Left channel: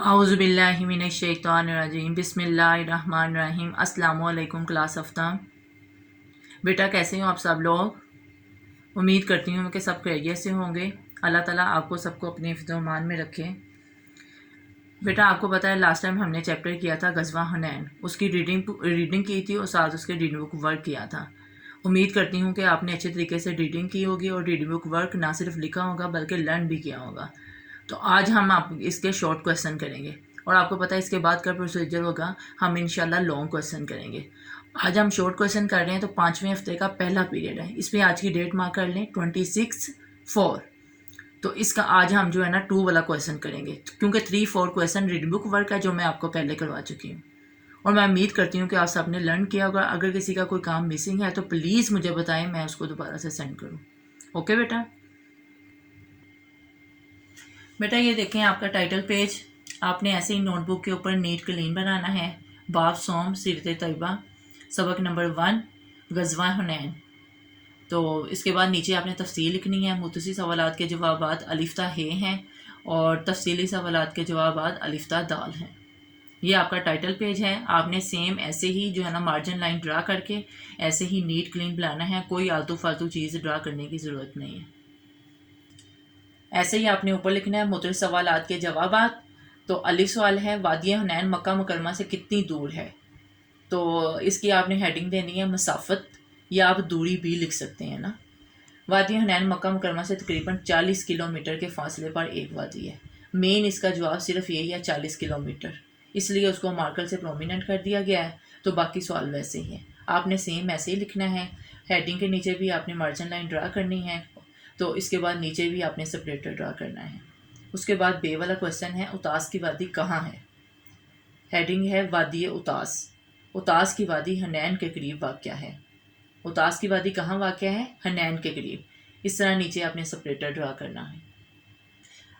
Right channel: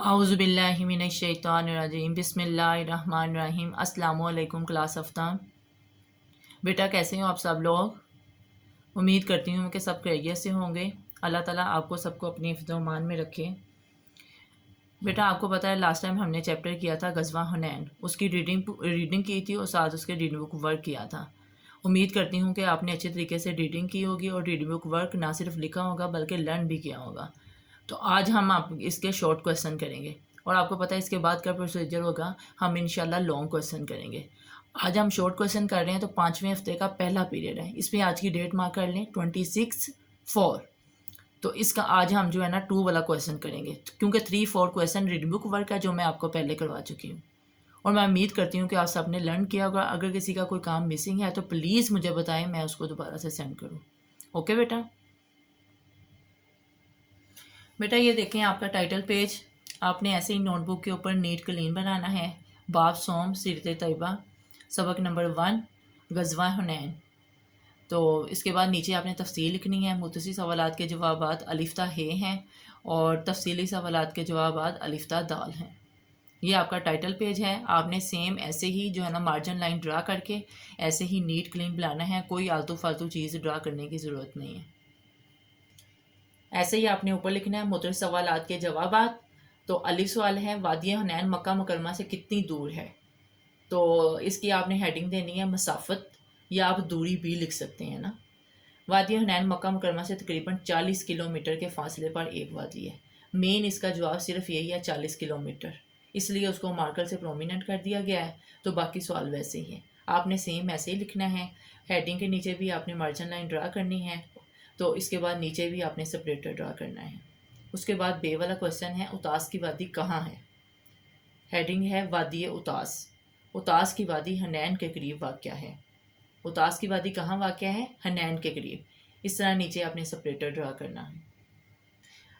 आऊज़ु बिल्लाहि मिनश शैतानिर रजीम बिस्मिल्लाहिर रहमानिर रहीम। अस्सलामु अलैकुम क्लास अफ्ताम। बेटा कैसे हो आप सब लोग? उम्मीद करती हूँ कि सब खैरियत से होंगे। अल्लाह ताला आपको सबको अपने हिफ्ज़-ओ-मान में रखे। बेटा आपको पता है लास्ट टाइम हमने चैप्टर किया था गज़वा हुनैन, उसकी रीडिंग की थी और साथ उसके रीडिंग बुक वर्क किया था। उम्मीद करती हूँ कि आपने अच्छे तरीके से रीडिंग की होगी और रीडिंग बुक वर्क ना सिर्फ लिखा होगा बल्कि लर्न भी किया होगा। तो आज हम आप इसके शॉर्ट क्वेश्चन करेंगे और आपको पता है इसके बाद का प्रोसीजर होगा, हम इंशाल्लाह लॉन्ग क्वेश्चन करेंगे। आज हम शॉर्ट क्वेश्चन कर रहे हैं तो 5वें हफ्ते का पहला पीरियड है। इस पर आज की डेट मार्क कर लें 26/4। तो इसका आज हम जो है ना 2 वाला क्वेश्चन करेंगे क्योंकि 3-4 क्वेश्चन रीडिंग बुक वर्क है जो मैं आपको पहले करवा चुकी हूँ और मैं उम्मीद करती हूँ कि आप सब ने लर्न किया होगा। अगर किसी का कोई काम मिसिंग है तो प्लीज़ मुझे बताएं, मैं उसको दोबारा से सेंड करूँ। ओके बेटा। बेटा ये देखें आपका टाइटल पेज, आपने ऐसे ही नोटबुक के ऊपर नीट क्लीन बनाना है। बाब सोम सीरत तैयबा सबक नंबर 1 गज़वा हुनैन। तो इसके बाद नीचे आपने तफसील लिखनी है। मुतसी सवालात के जवाबात अलिफ्ता हे हैं और तफसीली सवालात के जवाबात अलिफ्ता दाल हैं। ये आपका टाइटल पेज है। आपने सेम ऐसे ही जो है ना मार्जिन लाइन ड्रा करके ऐसे ही नीट क्लीन बनाना है, कोई आलतू फालतू चीज़ ड्रा करने की ज़रूरत नहीं है। ऐसे ही आपने ऊपर लिखना है मुख्तलिफ सवालात के जवाबात। तो अली सवाल है वादी हुनैन मक्का मुकरमा से कितनी दूर है, तो इसकी आपने हेडिंग देनी है मसाफत, या आप दूरी भी लिख सकते हैं ना। वादी हुनैन मक्का मुकरमा से तकरीबन 40 किलोमीटर के फासले पर एक वादी है। मेन इसका जवाब सिर्फ यही है 40 किलोमीटर, इसलिए उसको मार्कर से प्रोमिनेंट कर दिया गया है। तो बाकी सवाल वैसे ही है, आपने सेम ऐसे ही लिखना है। हेडिंग के नीचे भी आपने मार्जिन लाइन ड्रा करनी है, तो इसके बाद नीचे भी आपने सेपरेटर ड्रा करना है। उसके बाद बे वाला क्वेश्चन है उतास की वादी कहाँ है। हेडिंग है वादी उतास। उतास की वादी हनैन के करीब वाक़या है। उतास की वादी कहाँ वाक़या है? हनैन के करीब। इस तरह नीचे आपने सेपरेटर ड्रा करना है।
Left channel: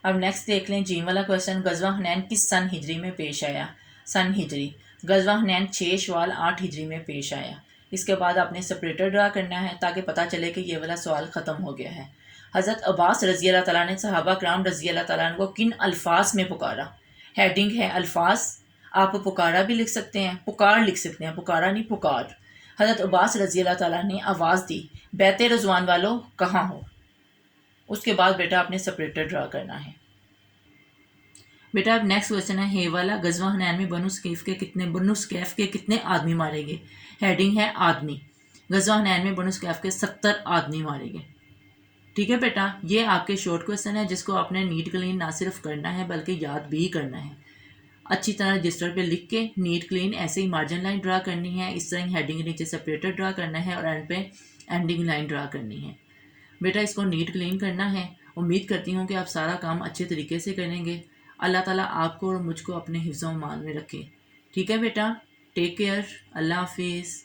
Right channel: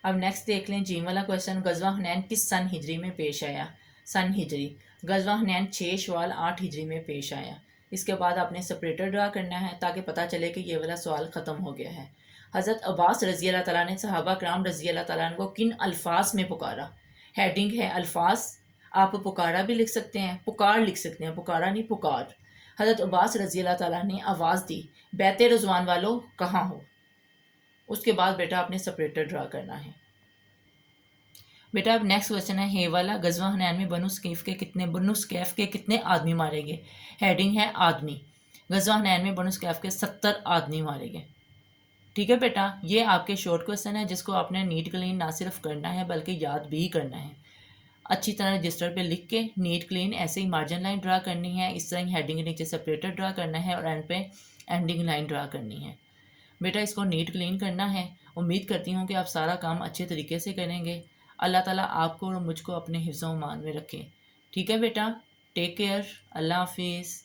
अब नेक्स्ट देख लें जी वाला क्वेश्चन, गज़वा हुनैन किस सन हिजरी में पेश आया? सन हिजरी। गज़वा हुनैन 6 शवाल 8 हिजरी में पेश आया। इसके बाद आपने सेपरेटर ड्रा करना है ताकि पता चले कि ये वाला सवाल ख़त्म हो गया है। हज़रत अब्बास रज़ी अल्लाह तआला ने सहाबा कराम रज़ी अल्लाह तआला को किन अल्फाज में पुकारा? हेडिंग है अल्फाज। आप पुकारा भी लिख सकते हैं, पुकार लिख सकते हैं, पुकारा नहीं पुकार। हज़रत अब्बास रज़ी अल्लाह तआला ने आवाज़ दी बैत रज़वान वालों कहाँ हो। उसके बाद बेटा आपने सेपरेटर ड्रा करना है। बेटा अब नेक्स्ट क्वेश्चन है हे वाला, गज़वा हुनैन में बनु स्कैफ के कितने आदमी मारे गए? हेडिंग है आदमी। गज़वा हुनैन में बनु स्कैफ के 70 आदमी मारे गए। ठीक है बेटा, ये आपके शॉर्ट क्वेश्चन है जिसको आपने नीट क्लीन ना सिर्फ करना है बल्कि याद भी करना है। अच्छी तरह रजिस्टर पे लिख के नीट क्लीन ऐसे ही मार्जिन लाइन ड्रा करनी है, इस तरह हेडिंग नीचे सेपरेटर ड्रा करना है और एंड पे एंडिंग लाइन ड्रा करनी है। बेटा इसको नीट क्लीन करना है। उम्मीद करती हूँ कि आप सारा काम अच्छे तरीके से करेंगे। अल्लाह ताला आपको और मुझको अपने हिफ्ज़-ओ-मान में रखे। ठीक है बेटा, टेक केयर, अल्लाह हाफिज़।